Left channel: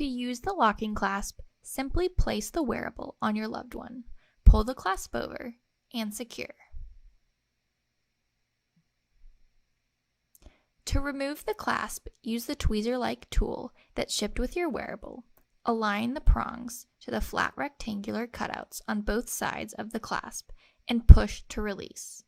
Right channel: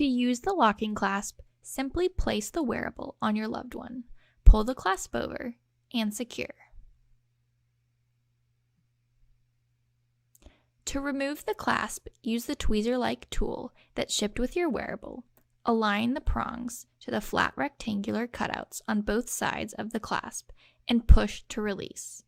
To use the locking clasp, simply place the wearable on your loved one, pull the clasp over, and secure. To remove the clasp, use the tweezer-like tool that's shipped with your wearable. Align the prongs to the flat rectangular cutouts on both sides of the clasp and push to release.